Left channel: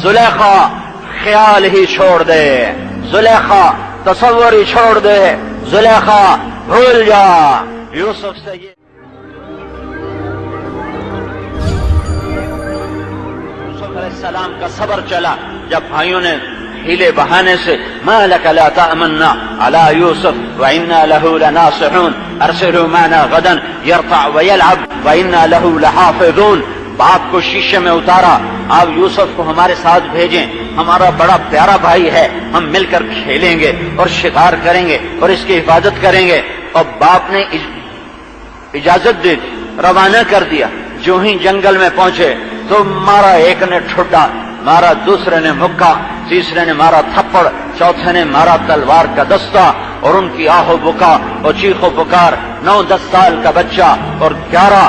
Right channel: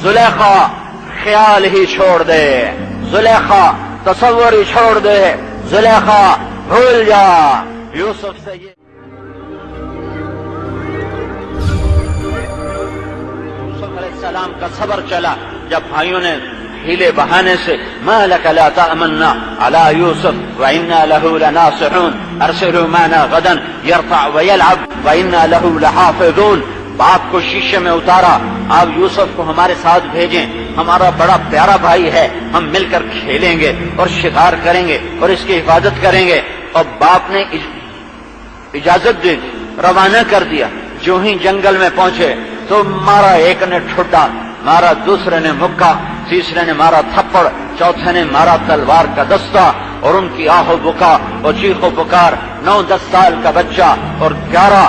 زلیخا خیال ہی چھوڑ دے، زلیخا تصور ہی چھوڑ دے، زلیخا بھول جا۔ یوسف سے یہ یوسف علیہ السلام کا صبر چلا، جب بھائیوں نے ہیلے بہانے سے ما لک لا تأمنا علی یوسف وإنا له لناصحون ارسلوا معنا غدا يرفع ويلعب وإنا له لحافظون۔ باپ کو شیشے میں اتارا، آپ یوسف کو ہمارے ساتھ بھیجیں، ہمارا بڑا پیارا بھائی ہے، ہم مل کر کھیلیں گے اور شکار کریں گے اور اس کی حفاظت کریں گے۔ اور باپ نے اجازت دی، روانہ کر دیا۔ جو ہی جنگل میں پہنچے تو مارا، ایک نے ٹھڈا مارا، دوسرے نے مکہ، تیسرے نے مارا تھپڑ، چوتھے نے مارا تلوار کا دستہ، اور ان کی آہ و بکا اور چیخ و پکار۔ 9-10 سال کا بچہ اور 11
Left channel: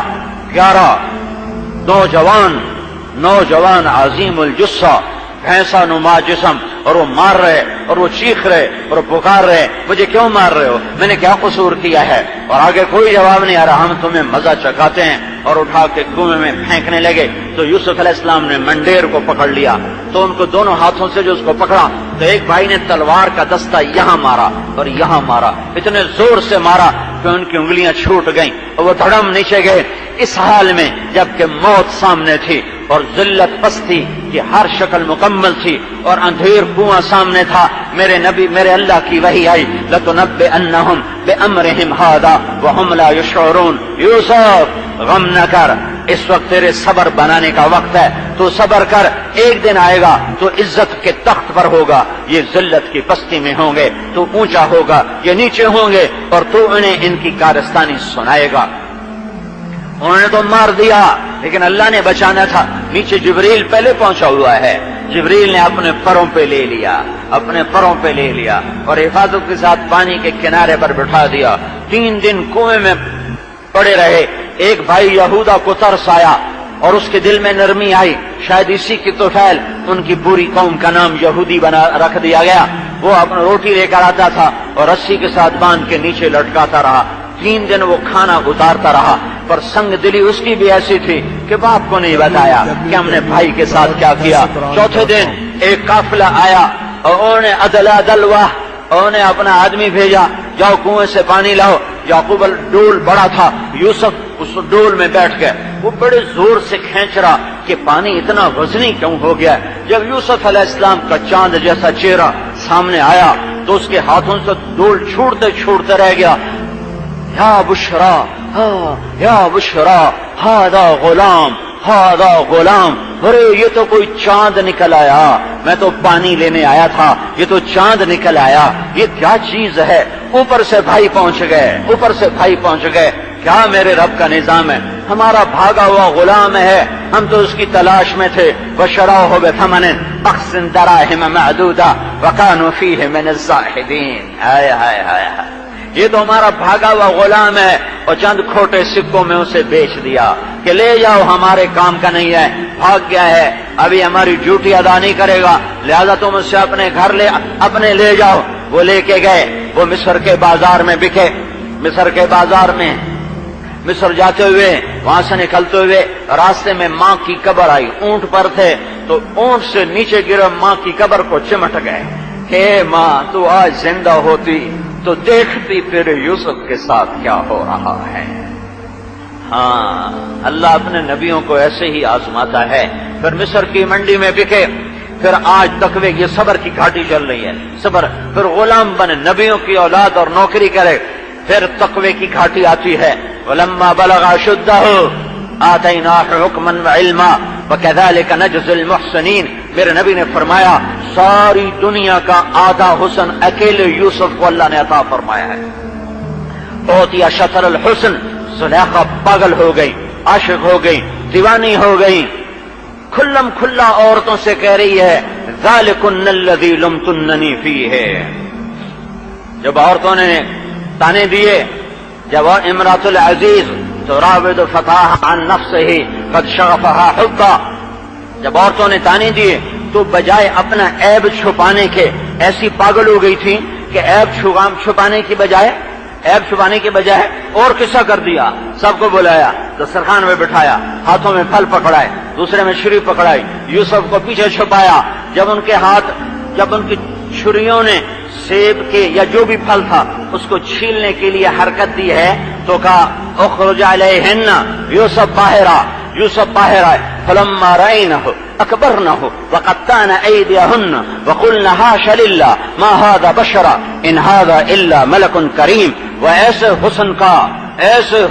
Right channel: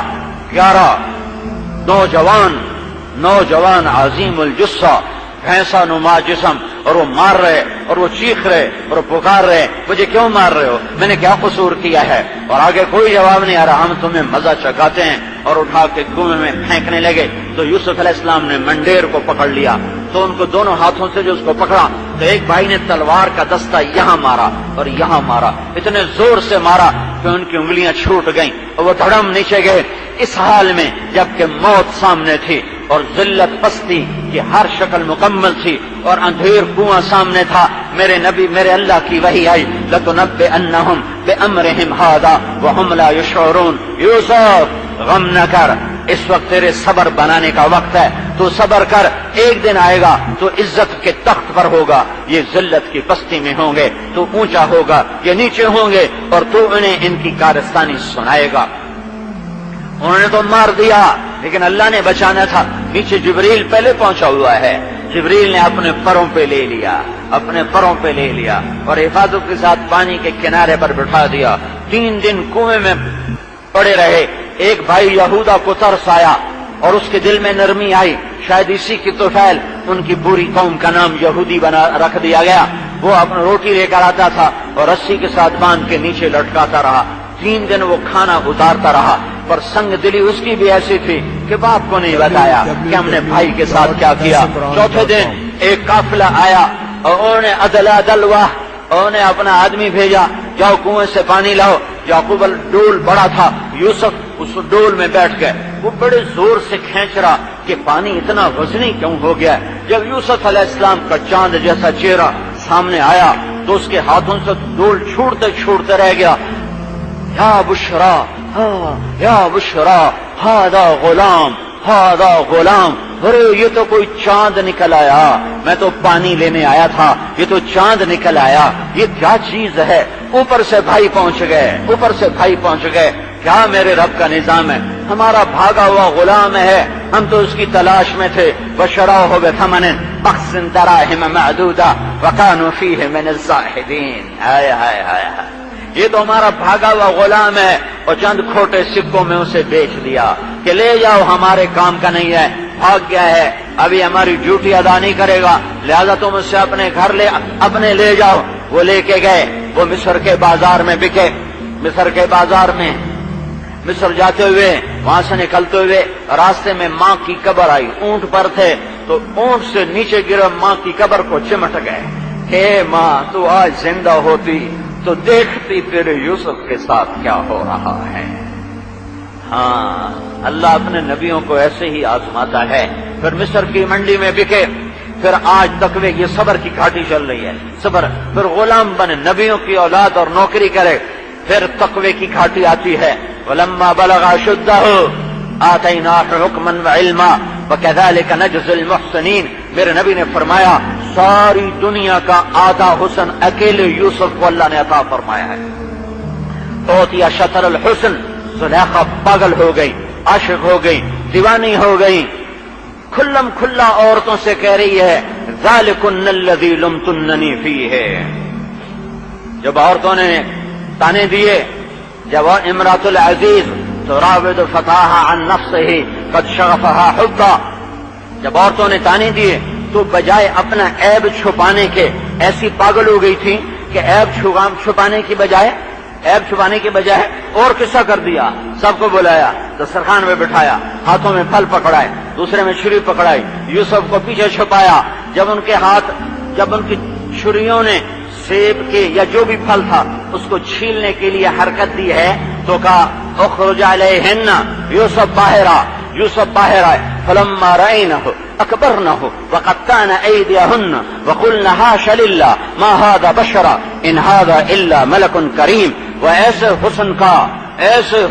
نوجوان عظیم الجثہ، بھینسا نما جسم، اور وہ مار رہے اور وہ چیخ رہے اور وہ پکار رہے، مجھے کیوں مار رہے ہو، میں نے کیا قصور کیا ہے؟ اور آگے کوئی جواب نہیں آ رہا، ہم تمہیں مزہ چکھاتے ہیں، اور اٹھا کے کنویں میں پھینکنے لگے۔ تو یوسف علیہ السلام نے منڈیر کو پکڑ لیا، تو ان کو دونوں ہاتھوں سے جو اس کو پکڑا تو ایک بھائی نے تلوار کا دستہ یہاں مارا اور یہاں مارا، اتنے زور سے مارا کہ ان کی انگلیاں چھوٹ گئیں اور وہ دھڑم نیچے گئے۔ اس حال میں جبکہ موت سامنے تھی اور ذلت پستی کی ہر شکل مکمل تھی اور اندھیر کنواں سامنے تھا، میرے نبی، میرے اللہ کی وحی آئی، لَتُنَبِّئَنَّهُمْ بِأَمْرِهِمْ هَذَا وَهُمْ لَا يَشْعُرُونَ۔ یوسف غم نہ کر، اس وقت تیرے صبر بنانے کا وقت ہے، تو صبر کر، ایک دن آئے گا تو عزت کے تخت پر ہوگا، یہ ذلت کی پستی میں ہوں گے، تو اونچا ہوگا، یہ نیچے ہوں گے، اور تو انہیں ان کی کارستانی سنائے گا۔ انہوں نے تو مار دیا، لیکن اللہ نے بچانا تھا۔ نیچے جبریل پہلے پہنچا ہوا ہے، جبریل نے اپنے پروں پہ لے لیا اور حفاظت کے ساتھ پانی کے کنارے پر بٹھا دیا۔ 3 دن کنویں میں پڑے رہے۔ ایک بھائی یہودا کو ترس آیا اور اس کے دل میں نرمی آئی، شاید اسی کی توفیل ان کی پوری قوم کا نام یہودی بنا رکھ دیا گیا۔ وہ اپنا روٹی لے کر آتا تھا اور رسی کے ساتھ باندھ کے نیچے لٹکاتا رہا۔ 3 دن وہ کھانا اتارتا رہا، پر سنگ دلی اس کی بھی ایسی تھی کہ باپ کو نہیں بتایا کہ ہم نے بھائی کے ساتھ کیا کیا۔ چوتھے دن ایک قافلہ آیا اور انہوں نے عدلا دلوا، انہوں نے اپنا آدمی بھیجا، جاؤ کنویں سے پانی لاؤ۔ یعقوب ڈول بڑا تھا، یوسف اس ڈول میں بیٹھ گئے، وہ بڑے زور سے کھینچ رہا کہ پانی اتنا وزنی کیوں ہو گیا۔ جب یوسف علیہ السلام کا چاند جیسا چہرہ سامنے آیا تو اس کے ہاتھوں سے ڈول چھوٹتے رہ گیا۔ یا بشرا، یا بشرا، ہاذا غلام، ارے یہ تو کوئی چاند نکل آیا، میں تو پانی لینے آیا تھا، یہ تو چاند نکل آیا، یہ کیا چیز ہے؟ اوپر سے بھائی پہنچ گئے، کیا میرے رب کا نظام ہے؟ ہمارا بھاگا ہوا غلام ہے، ہم تو اس کی تلاش میں تھے۔ وشروه بثمن بخس دراهم معدودہ وكانوا فيه من الزاهدين۔ ہائے ہائے ہائے ہائے، یہ تو ہمارا بھاگا ہوا غلام ہے، اور چند کھوٹے سکوں میں اسے بیچ دیا کہ لے جاؤ، ہمارے کام کا نہیں ہے، بھاگ گیا ہے، ابھی ہماری ڈیوٹی ادا نہیں کرے گا، لہذا تم اسے اپنے گھر اپنے لے جاؤ۔ وہ لے کے گئے، وہ مصر کے بازار میں بکے۔ مصر جاتے ہوئے، وہاں سے نکلتے ہوئے راستے میں ماں کی قبر آئی، اونٹ پر تھے تو اونٹ سے نیچے گرے، ماں کی قبر کو چمٹ گئے کہ ماں تو آج زندہ ہوتی تو دیکھتی تیرے یوسف کے ساتھ کیا ہو رہا ہے۔ ہاں، اللہ اپنے نبیوں کو ایسے ہی آزماتا ہے۔ پھر مصر کی منڈی میں بکے، پھر آج تقوی کی صبر کی گھاٹی چل رہی ہے، صبر، پھر غلام بنے، نبیوں کی اولاد اور نوکری کرے، پھر تقوی کی گھاٹی آتی ہے۔ وَلَمَّا بَلَغَ أَشُدَّهُ آتَيْنَاهُ حُكْمًا وَعِلْمًا وَكَذَلِكَ نَجْزِي الْمُحْسِنِينَ۔ میرے نبی نے فرمایا ساری دنیا کا آدھا حسن اکیلے یوسف کو اللہ نے عطا فرمایا ہے۔ اوتیا شطر الحسن، زلیخا پاگل ہو گئی، عاشق ہو گئی، دیوانی ہو گئی، کھلم کھلا عورتوں سے کہہ رہی ہے ذالکن الذی لمتننی فیہ۔ جب عورتوں نے تانے دیے، جب امرأۃ العزیز تراود فتاها عن نفسه قد شغفها حبا، جب عورتوں نے تانے دیے تو بجائے اپنا عیب چھپانے کے ایسی پاگل ہو گئی تھی کہ عیب چھپانے کی بجائے عیب چھپانے کی بجائے اور قصہ کر دیا. سب کو بلایا تو سرخان میں بٹھایا, ہاتھوں میں پھل پکڑائے, دوسرے میں چھری پکڑائی, یوسف کو پیچھے چھپایا. جب ان کی چھریوں نے سیب کے یا جو بھی پھل تھا اس کو چھیلنے کے لیے حرکت دی ہے تو کہا اخرج علیہن, یوسف باہر آئے. فلما رأینہ اکبرنہ وقطعن ایدیہن وقلن حاش للہ ما ھذا بشرا ان ھذا الا ملک کریم. وہ ایسے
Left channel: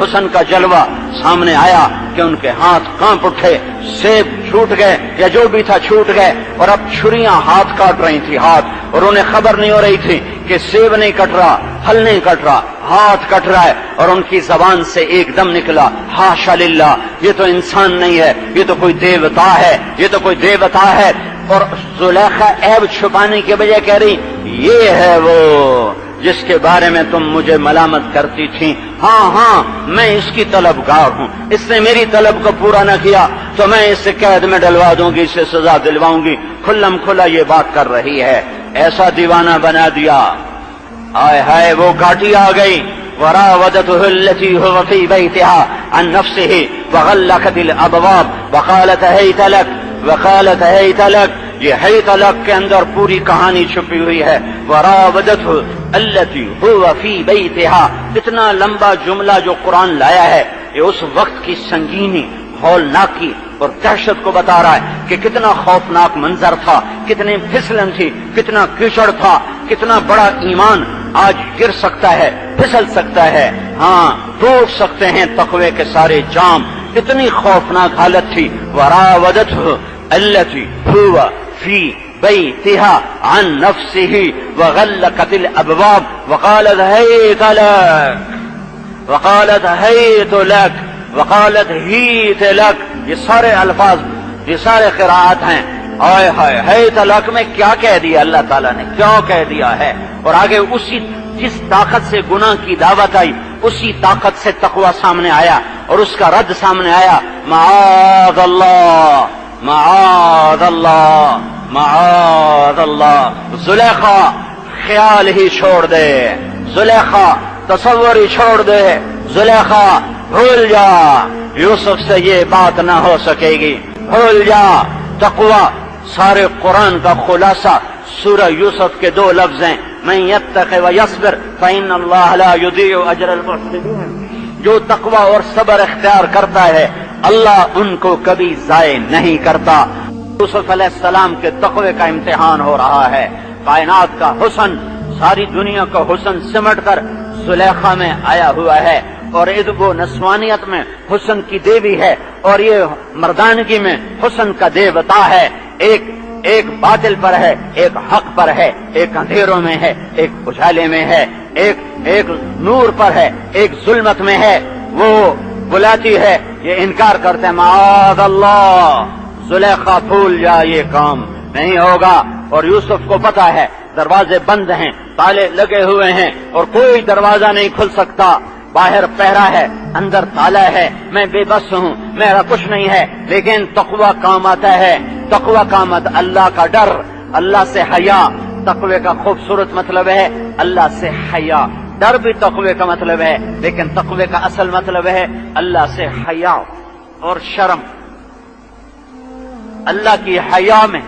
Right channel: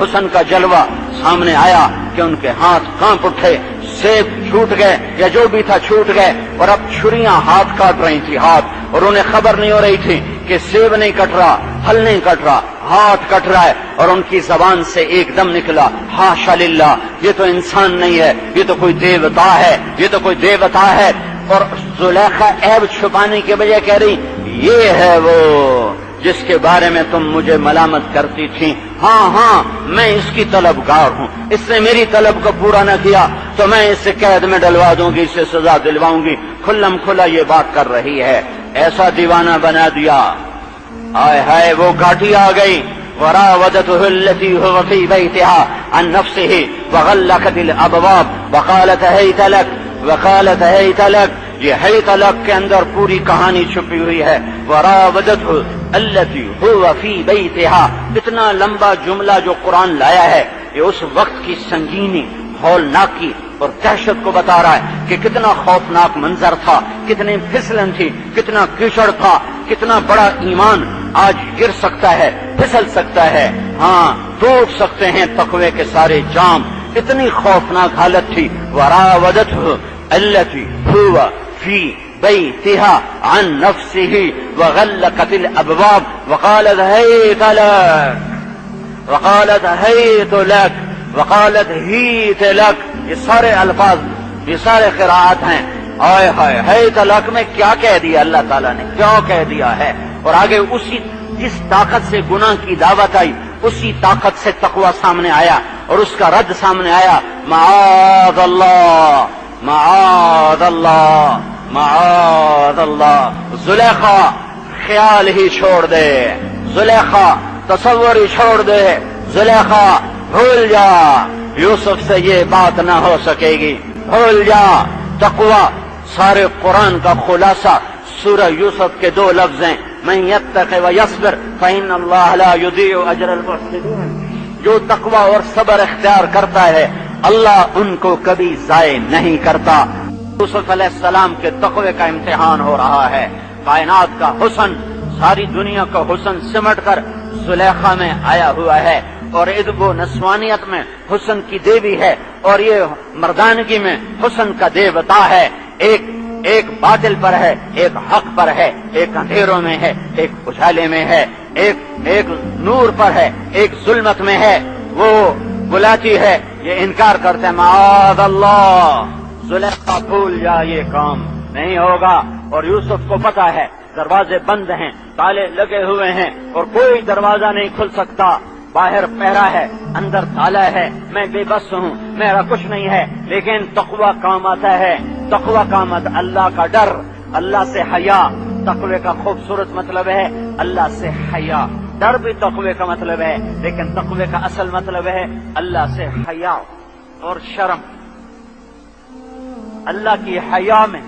حسن کا جلوہ سامنے آیا کہ ان کے ہاتھ کانپ اٹھے, سیب چھوٹ گئے یا جو بھی تھا چھوٹ گئے, اور اب چھریاں ہاتھ کاٹ رہی تھی ہاتھ, اور انہیں خبر نہیں ہو رہی تھی کہ سیب نہیں کٹ رہا, پھل نہیں کٹ رہا, ہاتھ کٹ رہا ہے. اور ان کی زبان سے ایک دم نکلا حاشا للہ, یہ تو انسان نہیں ہے, یہ تو کوئی دیوتا ہے, یہ تو کوئی دیوتا ہے. اور زلیخا عیب چھپانے کی وجہ کہہ رہی یہ ہے وہ جس کے بارے میں تم مجھے ملامت کرتی تھی. ہاں میں اس کی طلبگار ہوں, اس نے میری طلب کو پورا نہ کیا تو میں اسے قید میں ڈلوا دوں گی, اسے سزا دلواؤں گی. کھلم کھلا یہ بات کر رہی ہے, ایسا دیوانہ بنا دیا. ہائے ہائے وہ گھاٹی آ گئی. وراودته التي هو في بيتها عن نفسه وغلقت الابواب وقالت هيت لك. یہ ہیت لک کے اندر پوری کہانی چھپی ہوئی ہے. وراودته التي هو في بيتها, اتنا لمبا جملہ جو قرآن لایا ہے یہ اس وقت کی سنگینی, ہولناکی اور دہشت کو بتا رہا ہے کہ کتنا خوفناک منظر تھا, کتنی پھسلن تھی, کتنا کیچڑ تھا, کتنا بڑا ایمان آج گر سکتا ہے, پھسل سکتا ہے, ہاں ٹوٹ سکتے ہیں تقوی کے سارے جام. اتنی خوفناک حالت تھی. وراودته التي هو في بيتها عن نفسه وغلقت الابواب وقالت هيت لك. یہ سارے الفاظ, یہ سارے قراءات ہیں. آئے ہائے ہیت لک میں کیا کہہ دیا اللہ تعالیٰ نے, کیا کہہ دیا ہے. اور آگے اسی جس طاقت سے گناہ کی دعوت آئی اسی طاقت سے تقوی سامنے آیا اور اس کا رد سامنے آیا. معاذ اللہ, معاذ اللہ, معاذ اللہ. زلیخا خیال ہی چھوڑ دے, زلیخا تصور ہی چھوڑ دے, زلیخا بھول جا, یوسف سے یہ بات نہ ہو سکے گی, بھول جا. تقوی سارے قرآن کا خلاصہ سورہ یوسف کے دو لفظ ہیں, من یتق ویصبر فإن اللہ لا یضیع اجر المحسنین. جو تقوی اور صبر اختیار کرتا ہے اللہ ان کو کبھی ضائع نہیں کرتا. یوسف علیہ السلام کے تقوی کا امتحان ہو رہا ہے. کائنات کا حسن, ساری دنیا کا حسن سمٹ کر زلیخا میں آیا ہوا ہے, اور ادب و نسوانیت میں حسن کی دیوی ہے, اور یہ مردانگی میں حسن کا دیوتا ہے. ایک باطل پر ہے, ایک حق پر ہے, ایک اندھیروں میں ہے, ایک اجالے میں ہے, ایک نور پر ہے, ایک ظلمت میں ہے. وہ بلاتی ہے, یہ انکار کرتے ہیں. معاذ اللہ, زلیخا بھول جا, یہ کام نہیں ہوگا. اور یوسف کو پتا ہے دروازے بند ہیں, تالے لگے ہوئے ہیں اور کوئی دروازہ نہیں کھل سکتا. باہر پہرا ہے, اندر تالا ہے, میں بے بس ہوں, میرا کچھ نہیں ہے. لیکن تقوی کام آتا ہے, تقوی کا مطلب اللہ کا ڈر, اللہ سے حیا. تقوی کا خوبصورت مطلب ہے اللہ سے حیا. ڈر بھی تقوی کا مطلب ہے, لیکن تقوی کا اصل مطلب ہے اللہ سے حیا اور شرم. اللہ کی حیا میں,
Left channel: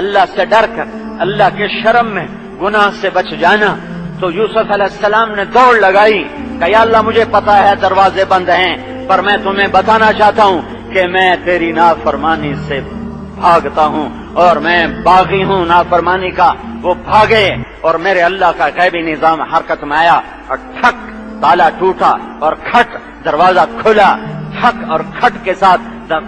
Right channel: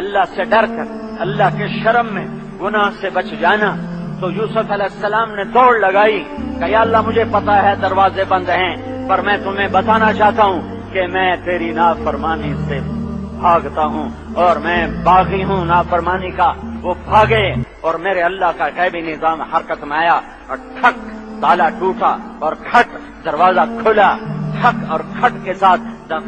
اللہ سے ڈر کر, اللہ کے شرم میں گناہ سے بچ جانا. تو یوسف علیہ السلام نے دوڑ لگائی کہ یا اللہ مجھے پتا ہے دروازے بند ہیں, پر میں تمہیں بتانا چاہتا ہوں کہ میں تیری نافرمانی سے بھاگتا ہوں, اور میں باغی ہوں نافرمانی کا. وہ بھاگے اور میرے اللہ کا غیبی نظام حرکت میں آیا, اور ٹھک تالا ٹوٹا اور کھٹ دروازہ کھلا. ٹھک اور کھٹ کے ساتھ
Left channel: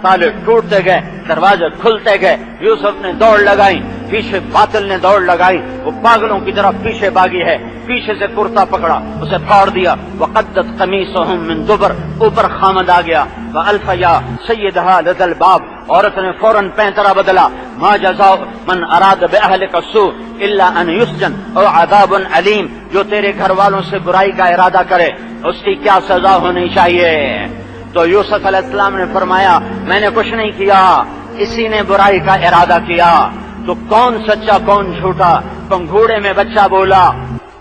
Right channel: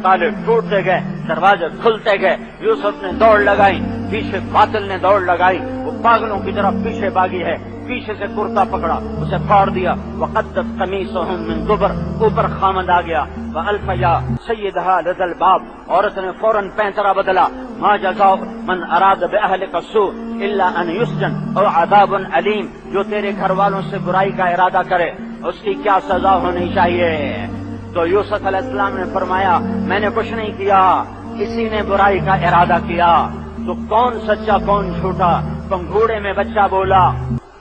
تالے ٹوٹتے گئے, دروازے کھلتے گئے. یوسف نے دوڑ لگائی, پیچھے باطل نے دوڑ لگائی, وہ پاگلوں کی طرح پیچھے بھاگی ہے. پیچھے سے کرتا پکڑا, اسے پھاڑ دیا. وقدت قمیصہم من دبر, اوپر خامد آ گیا. وألف یا سیدہا لدى الباب, عورت نے فوراً پینترا بدلا. ما جزاء من اراد بأہلک السوء الا ان یسجن او عذاب علیم. جو تیرے گھر والوں سے برائی کا ارادہ کرے اس کی کیا سزا ہونی چاہیے. تو یوسف علیہ السلام نے فرمایا میں نے کچھ نہیں کیا, اسی نے برائی کا ارادہ کیا. تو کون سچا کون جھوٹا؟ پنگھوڑے میں بچہ بولا,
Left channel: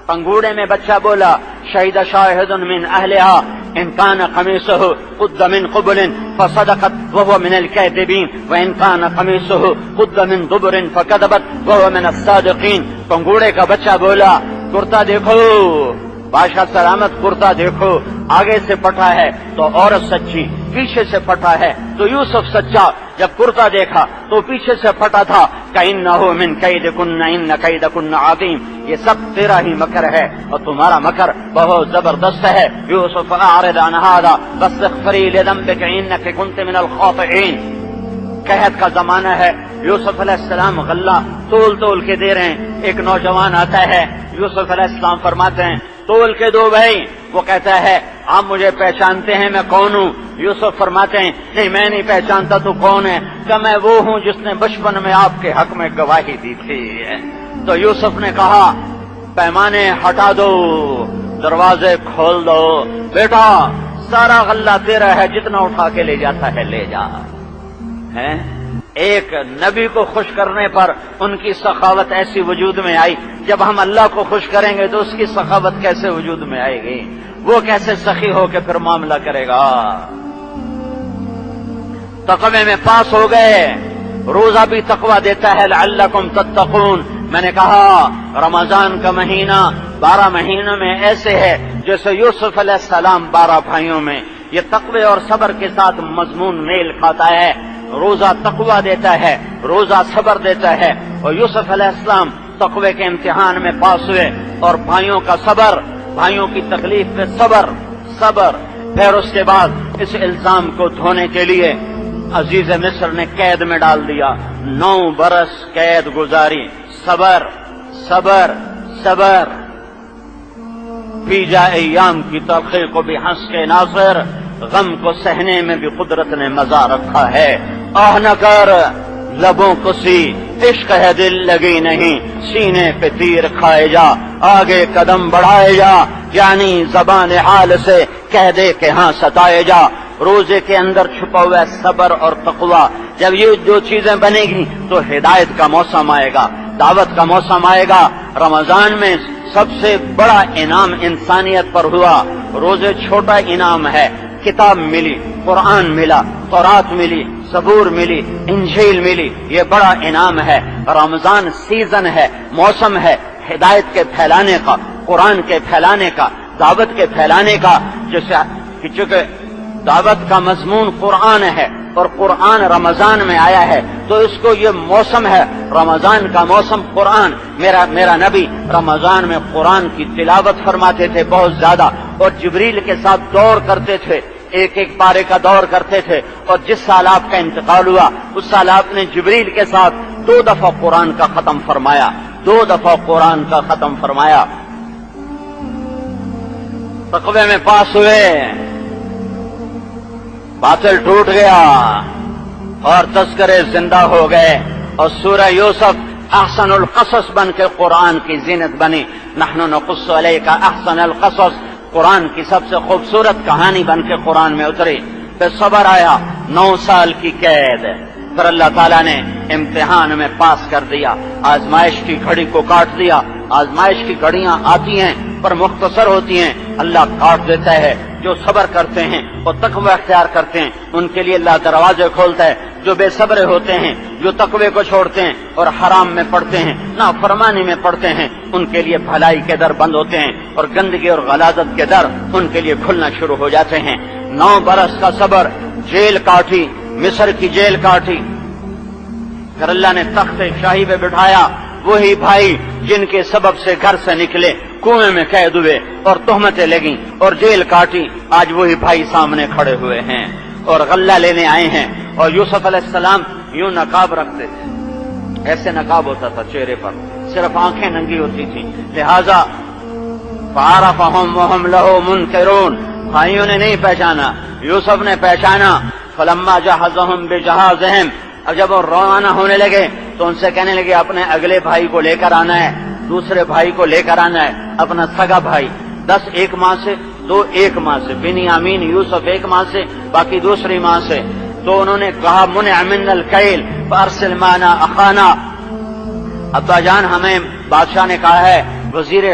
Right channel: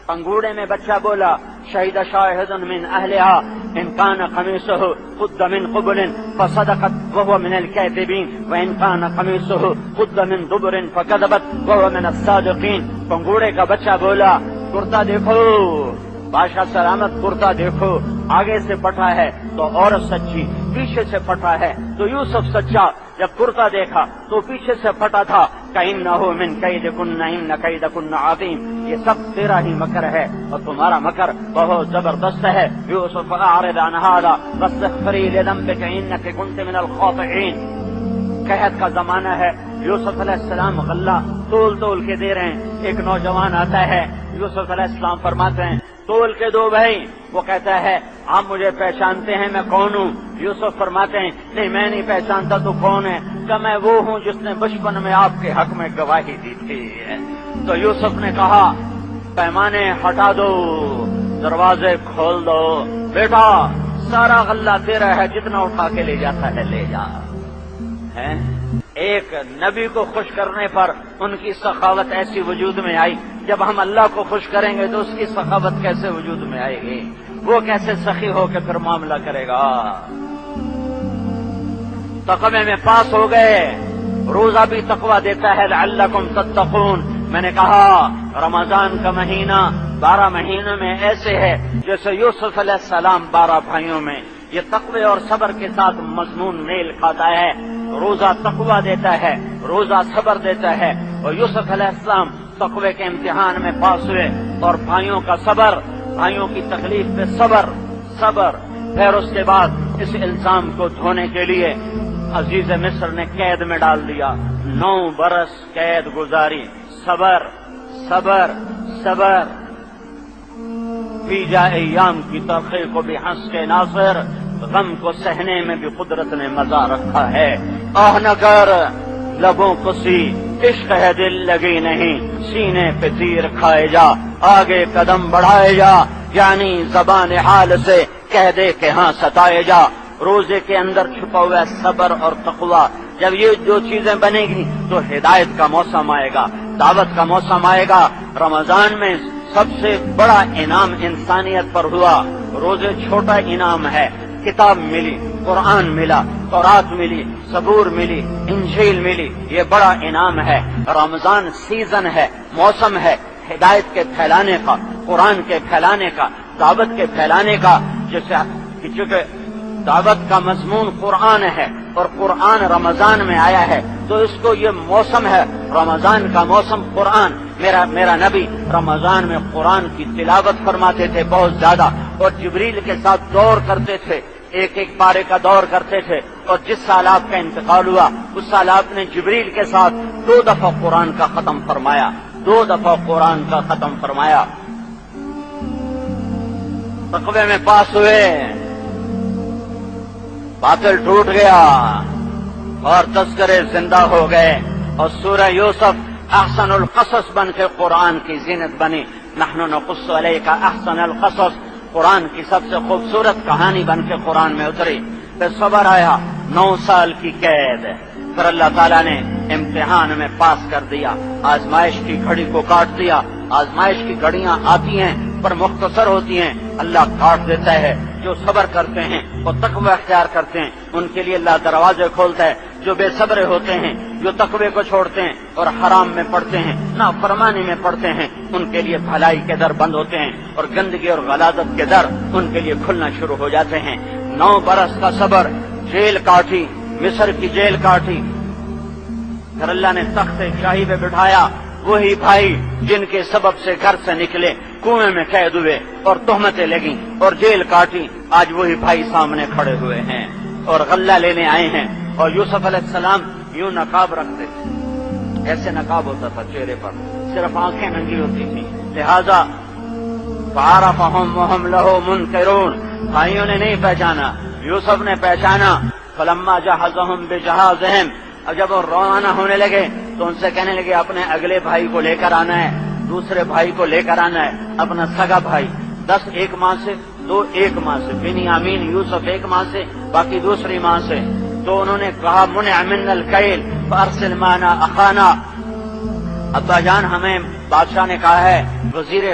پنگھوڑے میں بچہ بولا شهد شاهد من أهلها إن كان قميصه قد من قبل فصدقت وهو من الكاذبين وإن كان قميصه قد من دبر فكذبت وهو من الصادقين. پنگوڑے کا بچہ بولا کرتا دیکھو بادشاہ سلامت کرتا دیکھو آگے سے پھٹا ہے تو عورت سچی، پیچھے سے پھٹا ہے تو یوسف سچا. جب کرتا دیکھا تو پیچھے سے پھٹا تھا کَإِنَّهُ مِنْ كَيْدِكُنَّ إِنَّ كَيْدَكُنَّ عَظِيمٌ. یہ سب تیرا ہی مکر ہے اور تمہارا مکر بہت زبردست ہے. یوسف اعرض عن هذا واستغفری لذنبک انک کنت من الخاطئین. قحط کا زمانہ ہے، یوسف علیہ السلام غلہ تول کے دے رہے ہیں. ایک نوجوان آتا ہے، یوسف علیہ السلام فرماتے ہیں تول کے دو بھائی. وہ کہتا ہے آپ مجھے پہچانتے ہیں میں کون ہوں؟ یوسف فرماتے ہیں نہیں میں نہیں پہچانتا تو کون ہے؟ کہ میں وہ ہوں جس نے بچپن میں آپ کے حق میں گواہی دی تھی. تو یوسف نے کہا پیمانے ہٹا دو، دروازے کھول دو، بیٹا سارا غلہ تیرا ہے، جتنا اٹھا کے لے جاتا ہے لے جا. ایک نبی کو خوش کرنے پر ان کی سخاوت ایسی وجود میں آئی. جب ہم اللہ کو خوش کریں گے تو اس کی سخاوت کیسے وجود میں آئے گی؟ وہ کیسے سخی ہو کے پھر معاملہ کرے گا؟ تقوی میں پاس ہو گئے. روزہ بھی تقوی دیتا ہے لعلکم تتقون. میں نے کہا رمضان کا مہینہ 12 مہینوں میں ایسے ہے جیسے یوسف علیہ السلام 12 بھائیوں میں. یہ تقوی اور صبر کے ساتھ مضمون میل کھاتا ہے. روزہ تقوی دیتا ہے، روزہ صبر دیتا ہے. اور یوسف علیہ السلام تقوی کے امتحان میں پاس ہوئے اور بھائیوں کا صبر، بھائیوں کی تکلیف پہ صبر. پھر اس کے بعد اس الزام کو دھونے کے لیے عزیز مصر نے قید میں ڈال دیا. 9 برس قید گزاری. صبر. پی جا ایام کی تلخی کو بھی ہنس کے ناصر، غم کو سہنے میں بھی قدرت نے مزہ رکھا ہے. آہ نہ کر لبوں کو سی، عشق ہے دل لگی نہیں، سینے پہ تیر کھائے جا، آگے قدم بڑھائے جا، یعنی زبان حال سے کہہ دے کہ ہاں ستائے جا. روزے کے اندر چھپا ہوا ہے صبر اور تقوی. جب یہ 2 چیزیں بنے گی تو ہدایت کا موسم آئے گا، دعوت کا موسم آئے گا. رمضان میں سب سے بڑا انعام انسانیت پر ہوا. روزے چھوٹا انعام ہے، کتاب ملی، قرآن ملا، تورات ملی، زبور ملی، انجیل ملی. یہ بڑا انعام ہے. رمضان سیزن ہے، موسم ہے ہدایت کے پھیلانے کا، قرآن کے پھیلانے کا، دعوت کے پھیلانے کا. جیسے چونکہ دعوت کا مضمون قرآن ہے اور قرآن رمضان میں آیا ہے تو اس کو یہ موسم ہے رمضان کا موسم قرآن. میرا نبی رمضان میں قرآن کی تلاوت فرماتے تھے بہت زیادہ، اور جبریل کے ساتھ دور کرتے تھے، ایک پارے کا دور کرتے تھے. اور جس سال آپ کا انتقال ہوا اس سال آپ نے جبریل کے ساتھ 2 دفعہ قرآن کا ختم فرمایا. 2 دفعہ قرآن کا ختم فرمایا. تقوی میں پاس ہوئے، باطل ٹوٹ گیا اور تذکرے زندہ ہو گئے. اور سورہ یوسف احسن القصص بن کے قرآن کی زینت بنی. نحن نقص علیک احسن القصص، قرآن کی سب سے خوبصورت کہانی بن کے قرآن میں اتری. پھر صبر آیا، 9 سال کی قید. پھر اللہ تعالیٰ نے امتحان میں پاس کر دیا، آزمائش کی گھڑی کو کاٹ دیا. آزمائش کی گھڑیاں آتی ہیں پر مختصر ہوتی ہیں، اللہ کاٹ دیتا ہے. جو صبر کرتے ہیں اور تقوی اختیار کرتے ہیں ان کے لیے اللہ دروازے کھولتا ہے. جو بے صبر ہوتے ہیں، جو تقوی کو چھوڑتے ہیں اور حرام میں پڑتے ہیں، نافرمانی میں پڑتے ہیں، ان کے لیے بھلائی کے در بند ہوتے ہیں اور گندگی اور غلاظت کے در ان کے لیے کھلنا شروع ہو جاتے ہیں. 9 برس کا صبر، جیل کاٹی، مصر کی جیل کاٹی. پھر اللہ نے تخت شاہی پہ بٹھایا. وہی بھائی جن کے سبب سے گھر سے نکلے کنویں میں قید ہوئے اور تہمتیں لگیں اور جیل کاٹی، آج وہی بھائی سامنے کھڑے ہوئے ہیں اور غلہ لینے آئے ہیں. اور یوسف علیہ السلام یوں نقاب رکھتے تھے، ایسے نقاب ہوتا تھا چہرے پر، صرف آنکھیں ننگی ہوتی تھیں. لہذا فعرفہم وہم لہ منکرون، بھائیوں نے نہیں پہچانا، یوسف نے پہچانا. فلما جہزہم بجہازہم، اب جب وہ روانہ ہونے لگے تو ان سے کہنے لگے اپنے اگلے بھائی کو لے کر آنا ہے، دوسرے بھائی کو لے کر آنا ہے، اپنا سگا بھائی. 10 ایک ماں سے، 2 ایک ماں سے، بنیامین یوسف ایک ماں سے، باقی دوسری ماں سے. تو انہوں نے کہا منع من الکیل فارسل معنا اخانا. ابا جان ہمیں بادشاہ نے کہا ہے، وزیر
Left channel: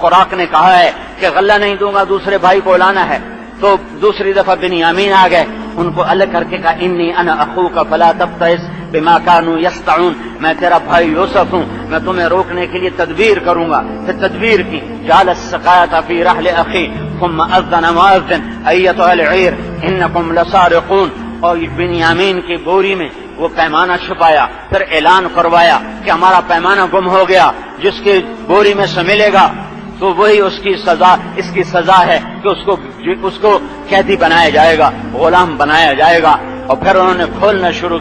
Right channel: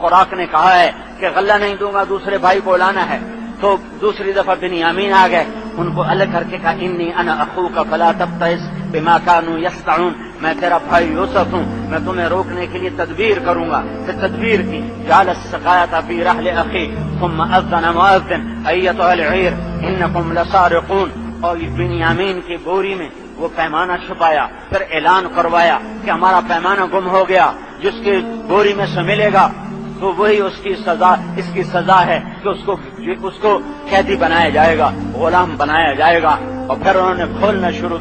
خوراک نے کہا ہے کہ غلہ نہیں دوں گا، دوسرے بھائی کو لانا ہے، تو دوسری دفعہ بنیامین آ گئے، ان کو الگ کر کے کہا انی انا اخوک فلا تبتئس بما كانوا يصنعون، میں تیرا بھائی یوسف ہوں، میں تمہیں روکنے کے لیے تدبیر کروں گا۔ پھر تدبیر کی، جعل السقاية في رحل اخي ثم اذن مؤذن ایتها العیر انکم لسارقون، اور بنیامین کی بوری میں وہ پیمانہ چھپایا، پھر اعلان کروایا کہ ہمارا پیمانہ گم ہو گیا، جس کی بوری میں سے ملے گا تو وہی اس کی سزا ہے کہ اس کو قیدی بنایا جائے گا، غلام بنایا جائے گا۔ اور پھر انہوں نے کھولنا شروع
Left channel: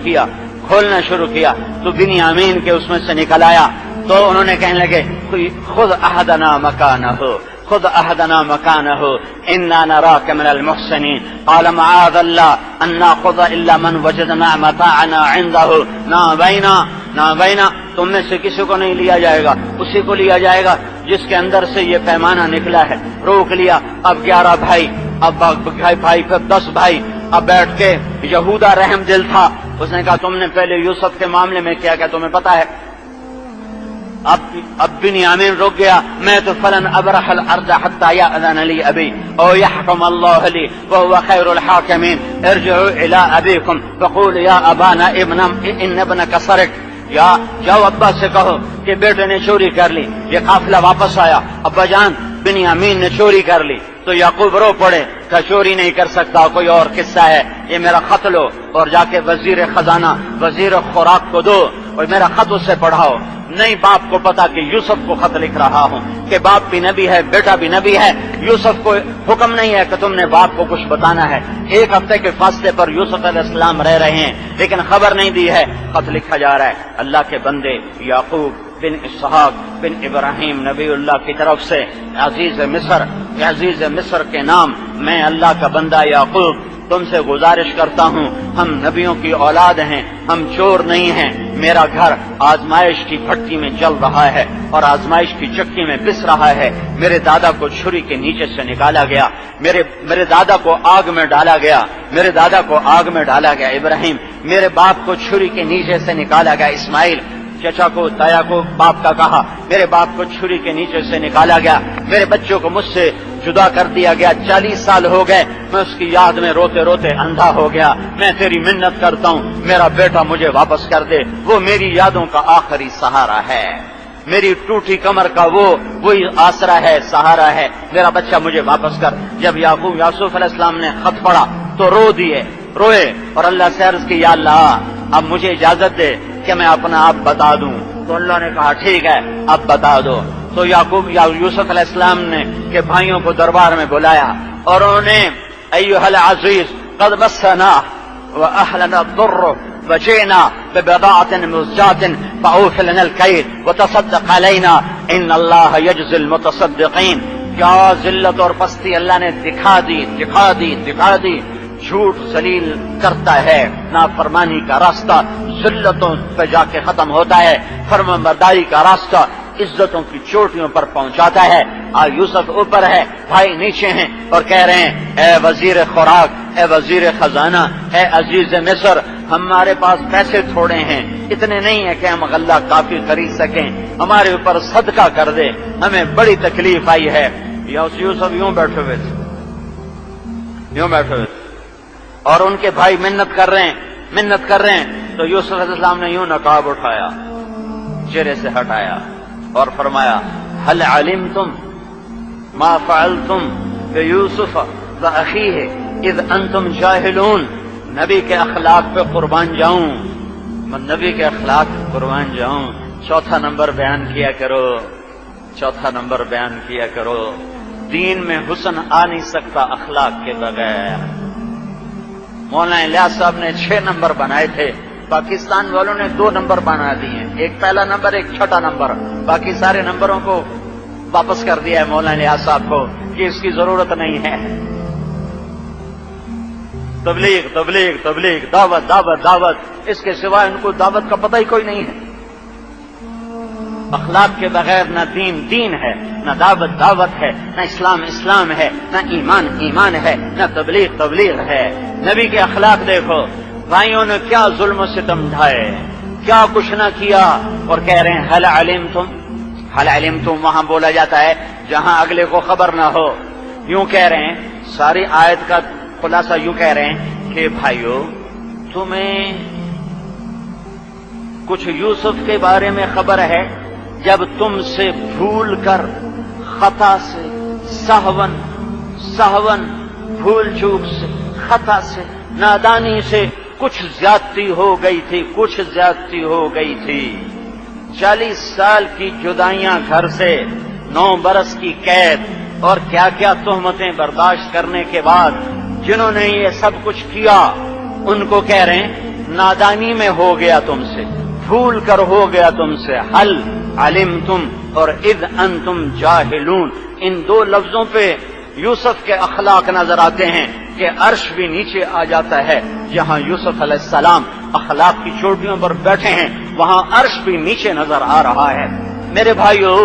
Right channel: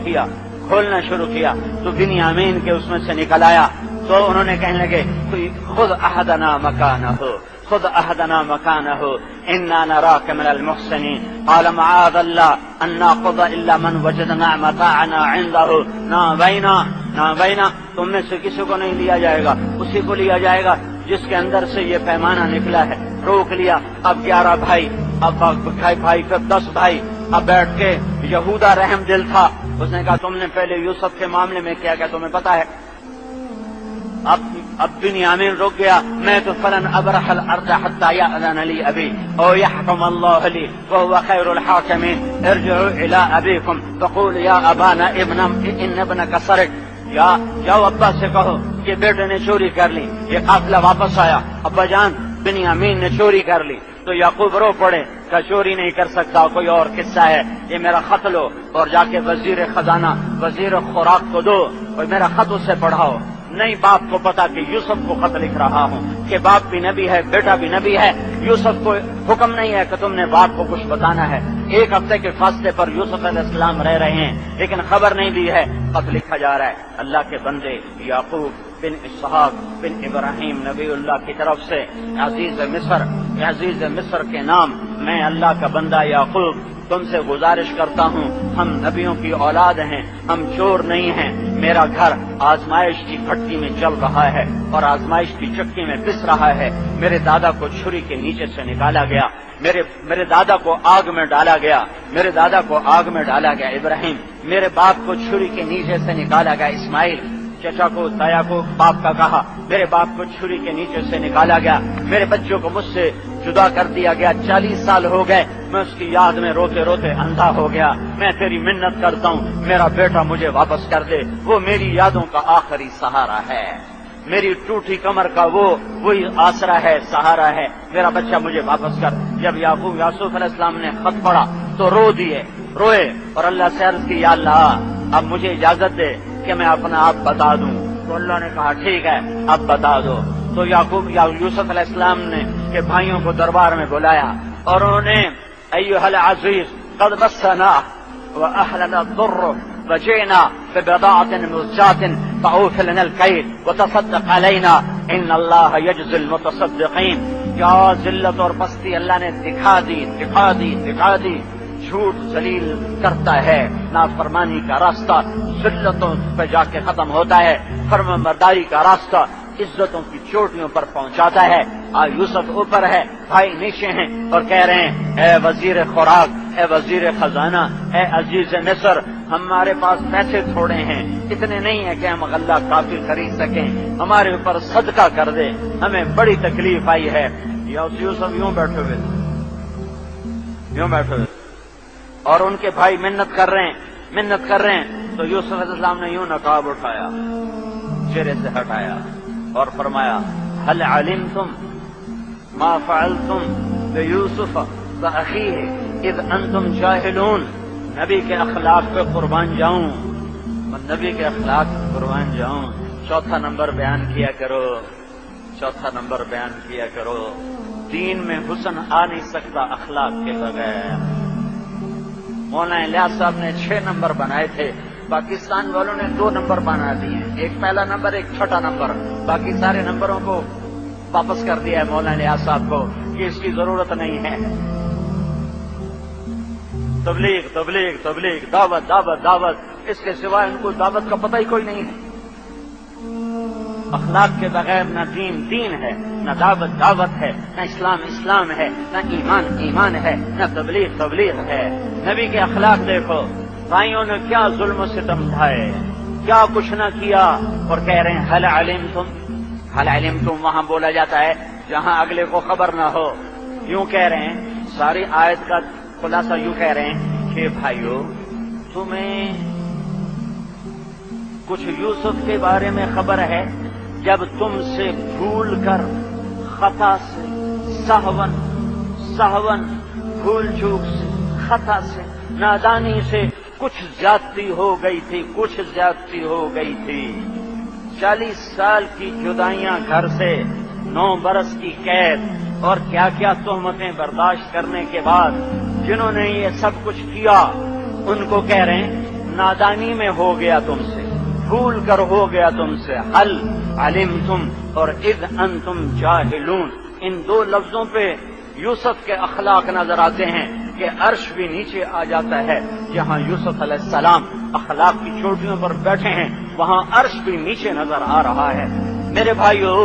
کیا تو بنیامین کے اس میں سے نکل آیا، تو انہوں نے کہنے لگے خذ احدنا مکانہ انا نراک من المحسنین، قال معاذ اللہ ان ناخذ الا من وجدنا متاعنا عنده، نہ بینا تم میں سے کسی کو نہیں لیا جائے گا، اسی کو لیا جائے گا جس کے اندر سے یہ پیمانہ نکلا ہے۔ روک لیا، اب 11 بھائی، اب بھائی پھر 10 بھائی، اب بیٹھ کے یہودا رحم دل تھا، اس نے کہا تم نے پہلے یوسف کے معاملے میں کیا تمہیں پتا ہے؟ اب بنیامین رک گیا، میں تو فلن ابرح الارض حتى يأذن لي ابي او يحكم الله لي وهو خير الحاكمين، ارجعوا الى ابيكم فقولوا يا ابانا ان ابنك سرق، یا جاؤ ابا سے کہو کہ بیٹے نے چوری کر لی۔ یہ قافلہ واپس آیا، ابا جان بنیامین نے چوری کر لی، تو یعقوب رو پڑے کہ چوری نہیں کر سکتا، کوئی اور قصہ ہے، یہ میرا خط لو اور جا کے وزیر خزانہ وزیر خوراک کو دو اور میرا خط اس سے پڑھاؤ۔ نہیں باپ کو پتا کہ یوسف کو خط لکھ رہا ہوں، کہ باپ بھی نبی ہے، بیٹا بھی نبی ہے، یوسف کو حکم نہیں ہے کہ تم نے باپ کو کچھ بتانا ہے۔ 1 ہفتے کے فاصلے پر یوسف علیہ السلام رہ رہے ہیں لیکن خبر نہیں دی ہے، خط لکھا جا رہا ہے۔ اللہ کے بندے یعقوب بن اسحاق بن ابراہیم نبی اللہ کی طرف سے عزیز مصر کے نام، میں اللہ کا بندہ یعقوب تم سے گزارش کرتا ہوں، ہم نبیوں کی اولاد ہیں، ہم چور نہیں ہیں، میرا گھر آزمائش کی بھٹی میں جل رہا ہے اور آزمائش کی چکی میں پس رہا ہے، میرے دادا کو چھری کے نیچے سے نکالا گیا، میرے دادا کو آگ میں ڈالا گیا، ابراہیم میرے باپ کو چھری کے نیچے سے نکالا گیا، اسماعیل چچا کو تایا کو باپ کا کہا، میرے باپ کو چھری کے نیچے سے نکالا گیا، میرے بچوں کو مجھ سے جدا کر دیا گیا، 40 سال ہو گئے، میں اس کی یاد میں روتے روتے اندھا ہو گیا، میں تیری منت کرتا ہوں میرا بیٹا مجھے واپس کر دے، وہ میری یادوں کا آخری سہارا ہے، میری ٹوٹی کمر کا وہی آسرا ہے، سہارا ہے، میرا بچہ مجھے واپس کر۔ جب یوسف علیہ السلام نے خط پڑھا تو روئے اور اللہ سے عرض کی یا اللہ اب مجھے اجازت دے کہ میں اپنا آپ بتا دوں، تو اللہ نے کہا ٹھیک ہے اب بتا دو۔ تو یوسف علیہ السلام نے کہ بھائیوں کو دربار میں بلایا اور انہوں نے ایھا العزیز قد مسنا واهلنا الضر وجئنا ببضاعة مزجاة فأوف لنا الكيل وتصدق علينا ان اللہ یجزی المتصدقین۔ کیا ذلت اور پستی اللہ نے دکھا دی، جھوٹ ذلیل کرتا ہے، نافرمانی کا راستہ ذلتوں پہ جا کے ختم ہوتا ہے، فرمانبرداری کا راستہ عزتوں کی چوٹیوں پر پہنچاتا ہے۔ یوسف اوپر ہے، بھائی نیچے ہیں اور کہہ رہے ہیں اے وزیر خوراک، اے وزیر خزانہ، اے عزیز مصر، ہمارے پاس پیسے تھوڑے ہیں، اتنے نہیں ہیں کہ ہم غلہ کافی خرید سکیں، ہمارے اوپر صدقہ کر دے، ہمیں بڑی تکلیف آئی ہے۔ یوسف یوں بیٹھے ہوئے تھے اور ان کے بھائی منت کر رہے ہیں تو یوسف علیہ السلام نے یوں نقاب اٹھایا، چہرے سے ہٹایا اور فرمایا هل علمتم ما فعلتم بيوسف واخيه اذ انتم جاهلون۔ نبی کے اخلاق پہ قربان جاؤں، چوتھا نمبر بیان کیا کرو، دین میں حسن آ نہیں سکتا اخلاق کے بغیر۔ مولانا الیاس صاحب نے 6 نمبر بنائے تھے، پاکستان والوں نے 2 نمبر بنا دیے، ایک پہلا نمبر ایک چھٹا نمبر، باقی سارے نمبروں کو واپس کر دیا ہے مولانا الیاس صاحب کو کہ اس کی ضرورت نہیں ہے۔ تبلیغ، دعوت، اس کے سوا ان کو دعوت کا پتہ ہی کوئی نہیں ہے۔ اخلاق کے بغیر نہ دین ہے، نہ دعوت ہے، نہ اسلام ہے، نہ ایمان ہے، نہ تبلیغ ہے۔ نبی کے اخلاق دیکھو، بھائیوں نے کیا ظلم و ستم ڈھائے، کیا کچھ نہ کیا، اور کہہ رہے ہیں حل علمتم وہاں بولا جاتا ہے جہاں اگلے کو خبر نہ ہو. یوں کہہ رہے ہیں، ساری آیت کا خلاصہ یوں کہہ رہے ہیں کہ بھائیو تمہیں کچھ یوسف کے بارے میں خبر ہے جب تم سے بھول کر، خطا سے، سہون بھول چوک سے، خطا سے، نادانی سے کچھ زیادتی ہو گئی تھی، 40 سال کی جدائیاں گھر سے، 9 برس کی قید اور کیا کیا تہمتیں برداشت کرنے کے بعد جنہوں نے یہ سب کچھ کیا ان کو کہہ رہے ہیں نادانی میں ہو گیا تم سے، بھول کر ہو گیا تم سے. حل علمتم اور اذ انتم جاہلون، ان 2 لفظوں پہ یوسف کے اخلاق نظر آتے ہیں کہ عرش بھی نیچے آ جاتا ہے. جہاں یوسف علیہ السلام اخلاق کی چوٹیوں پر بیٹھے ہیں وہاں عرش بھی نیچے نظر آ رہا ہے. میرے بھائیو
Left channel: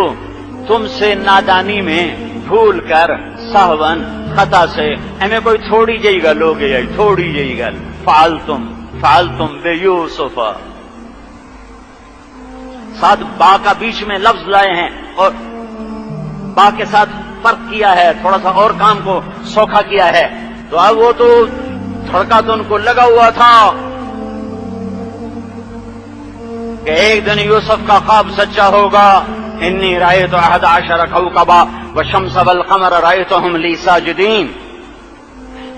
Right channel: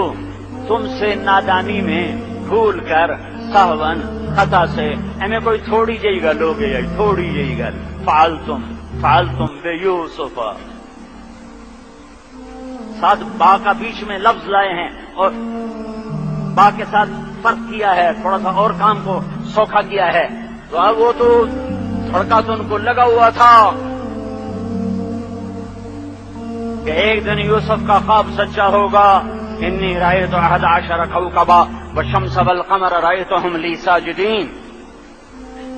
تم سے نادانی میں، بھول کر، سہون، خطا سے، ہمیں کوئی تھوڑی جئی گل ہو گئی، تھوڑی جئی گل. فعلتم بے یوسف، ساتھ با کا بیچ میں لفظ لائے ہیں اور با کے ساتھ فرق کیا ہے، تھوڑا سا اور کام کو سوکھا کیا ہے. تو اب وہ تو دھڑکا تو ان کو لگا ہوا تھا کہ ایک دن یوسف کا خواب سچا ہوگا. انی رأیت 11 کوكبا والشمس والقمر رأیتهم لی ساجدین.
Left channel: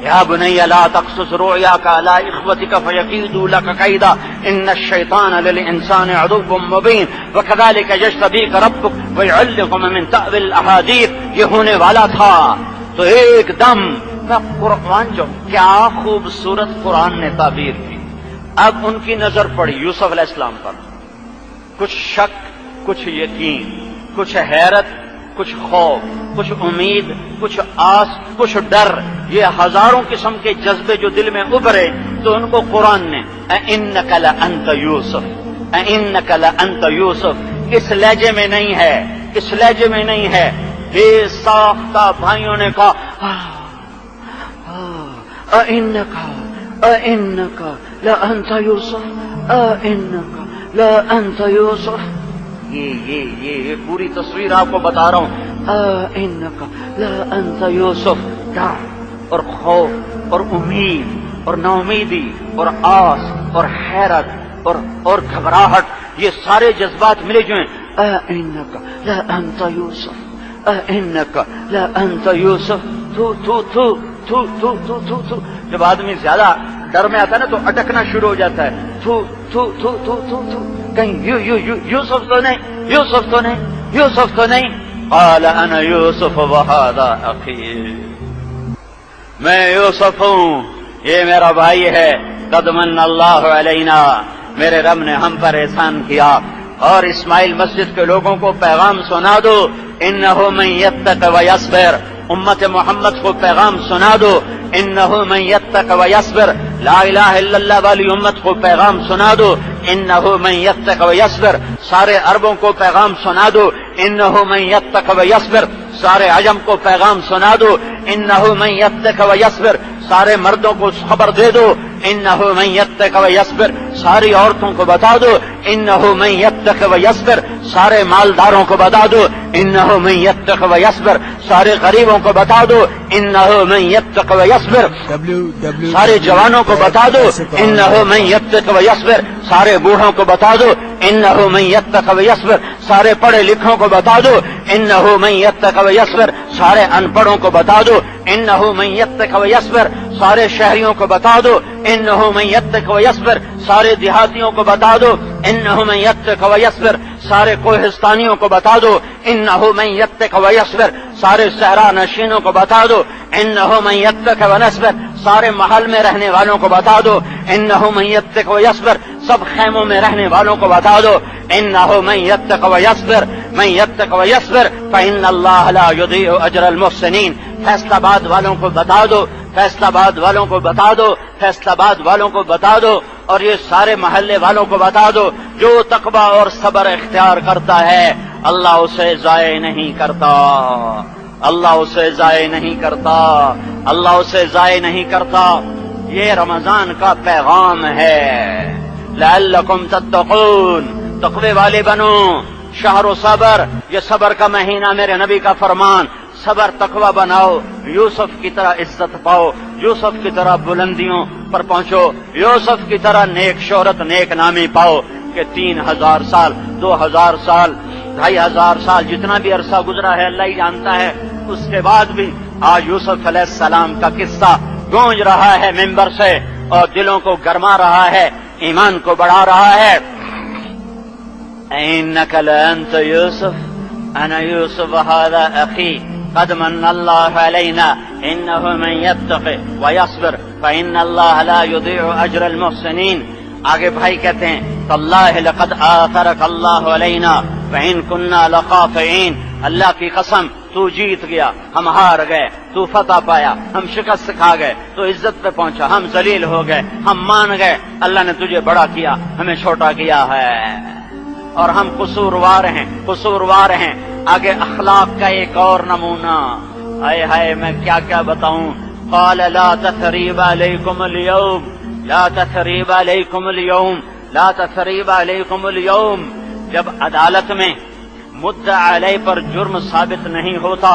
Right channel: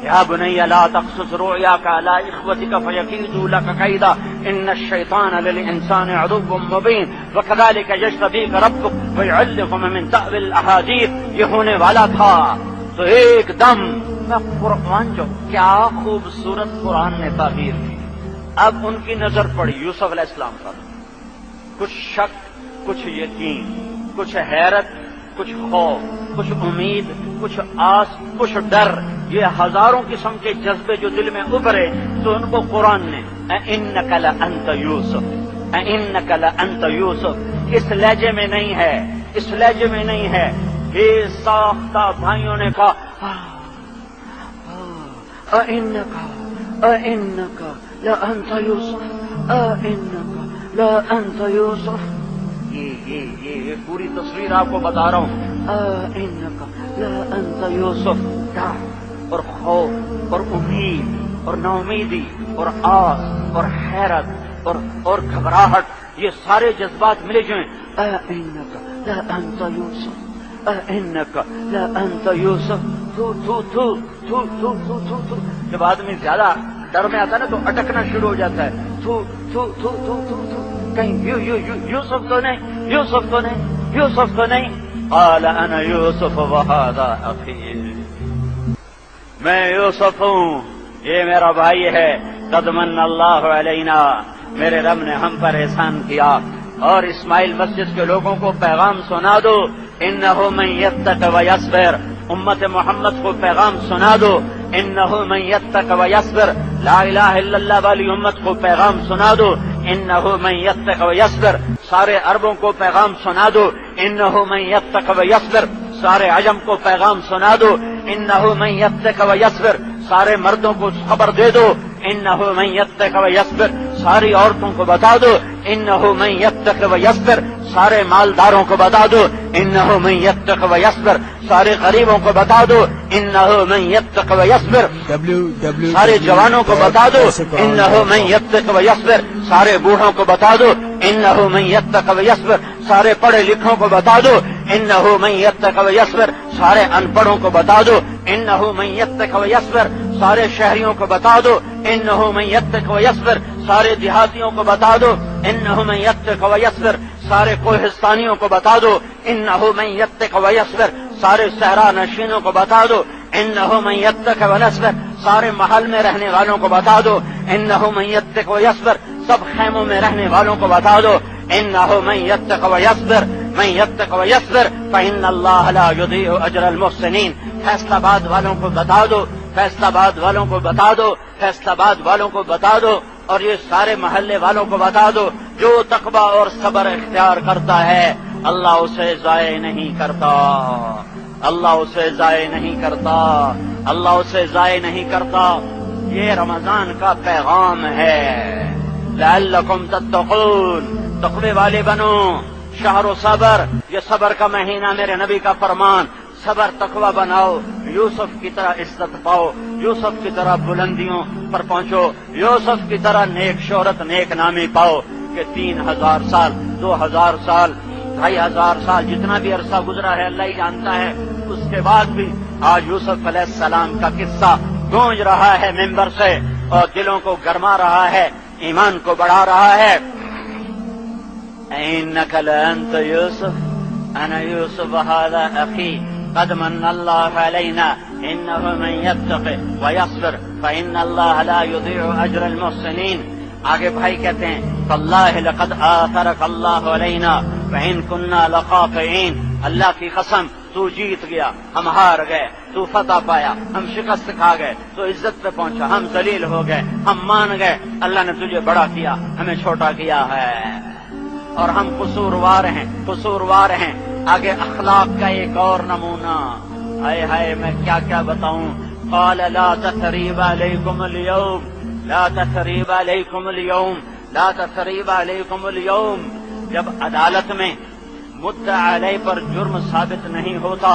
یا بنی لا تقصص رؤیاک علی اخوتک فیکیدوا لک کیدا ان الشیطان للانسان عدو مبین وکذلک یجتبیک ربک ویعلمک من تأویل الاحادیث. یہ ہونے والا تھا تو ایک دم قرآن، جو کیا خوبصورت قرآن نے تعبیر کی. اب ان کی نظر پڑی یوسف علیہ السلام پر، کچھ شک، کچھ یقین، کچھ حیرت، کچھ خوف، کچھ امید، کچھ آس، کچھ ڈر، یہ ہزاروں قسم کے جذبے جو دل میں ابھرے تو ان کو قرآن نے اِنَّكَ لَأَنْتَ يُوسُف، اِنَّكَ لَأَنْتَ يُوسُف، اس لہجے میں نہیں ہے، اس لہجے میں نہیں ہے. بے ساختہ بھائیوں نے کہا اِنَّكَ لَأَنْتَ يُوسُف، اِنَّكَ لَأَنْتَ يُوسُف. یہ پوری تصویر آپ کو بتا رہا ہوں. اِنَّكَ لَأَنْتَ يُوسُف. ڈر اور خوف اور امید اور نا امیدی اور آس اور حیرت اور گھبراہٹ، یہ سارے جذبات ملے جو ہیں. اِنَّكَ لَأَنْتَ يُوسُف، اِنَّكَ لَأَنْتَ يُوسُف. جب آدمی زیادہ ڈر میں آتا ہے نا تو اٹکنا شروع ہو جاتا ہے. کہیں یوسف تو نہیں، یوسف تو نہیں، یوسف تو نہیں. قال انا یوسف وہذا اخی، میں یوسف ہوں، یہ میرا بھائی ہے. قد من اللہ علینا، میرے رب نے ہم پر احسان کیا. اور اسماعیل مسجد کے لوگوں کو پیغام سنا دو، انہ من یتق ویصبر. امت محمد کو پیغام سنا دو، انہ من یتق ویصبر. لا الہ الا اللہ والی امت کو پیغام سنا دو، انہ من یتق ویصبر. سارے عربوں کو پیغام سنا دو، انہ من یتق ویصبر. سارے عجم کو پیغام سنا دو، انہ من یتق ویصبر. سارے مردوں کو خبر دے دو، انہ من یتق ویصبر. ساری عورتوں کو بتا دو، انہ من یتق ویصبر. سارے مالداروں کو بتا دو، انہ من یتق ویصبر. سارے غریبوں کو بتا دو، انہ من یتق ویصبر. سارے جوانوں کو بتا دو، انہ من یتق ویصبر. سارے بوڑھوں کو بتا دو، انہ من یتق ویصبر. سارے پڑھے لکھوں کو بتا دو، انہ من یتق ویصبر. سارے ان پڑھوں کو بتا دو، انہ من یتق ویصبر. سارے شہریوں کو بتا دو، انہ من یتق ویصبر. سارے دیہاتیوں کو بتا دو، انہ من یتق ویصبر. سارے کوہستانیوں کو بتا دو، انہ من یتق ویصبر. سارے صحرا نشینوں کو بتا دو، انہ من یتق ویصبر. سارے محل میں رہنے والوں کو بتا دو، انہ من یتق ویصبر. سب خیموں میں رہنے والوں کو بتا دو، انہ من یتق ویصبر. من یتق ویصبر فإن اللہ لا یضیع اجر المحسنین. فیصلہ آباد والوں کو بتا دو، فیصلہ آباد والوں کو بتا دو، فیصلہ آباد والوں کو بتا دو. اور یہ سارے محلے والوں کو بتا دو، جو تقویٰ اور صبر اختیار کرتا ہے اللہ اسے ضائع نہیں کرتا، اللہ اسے ضائع نہیں کرتا، اللہ اسے ضائع نہیں کرتا. یہ رمضان کا پیغام ہے. لعلکم تتقون، تقوی والے بنو، شہر و صبر، یہ صبر کا مہینہ میرے نبی کا فرمان، صبر تقوی بناؤ، یوسف کی طرح عزت پاؤ، یوسف کی طرح بلندیوں پر پہنچو، یوسف کی طرح نیک شہرت نیک نامی پاؤ کہ 3000 سال 2000 سال 2500 سال جتنا بھی عرصہ گزرا ہے اللہ ہی جانتا ہے، اس کے بعد بھی آج یوسف علیہ السلام کا قصہ گونج رہا ہے ممبر سے اور دلوں کو گرما رہا ہے، ایمان کو بڑھا رہا ہے۔ إنك لأنت يوسف أنا يوسف هذا أخي قد من الله علينا إنه من يتق ويصبر فإن الله لا يضيع أجر المحسنين۔ آگے بھائی کہتے ہیں تاللہ لقد آثرك الله علينا فإن كنا لخاطئين، اللہ کی قسم تو جیت گیا، ہم ہار گئے، تو فتح پایا، ہم شکست کھا گئے، تو عزت پہ پہنچا، ہم ذلیل ہو گئے، ہم مان گئے، اللہ نے تجھے بڑا کیا، ہمیں چھوٹا کیا ہے، اور ہم قصوروار ہیں۔ آگے اخلاق کا ایک اور نمونہ، ہائے ہائے میں کیا کیا بتاؤں۔ قال لا تثریب علیکم اليوم لا تثریب علیکم اليوم لا تثریب علیکم اليوم، جب عدالت میں مدعا علیہ پر جرم ثابت نہیں ہوتا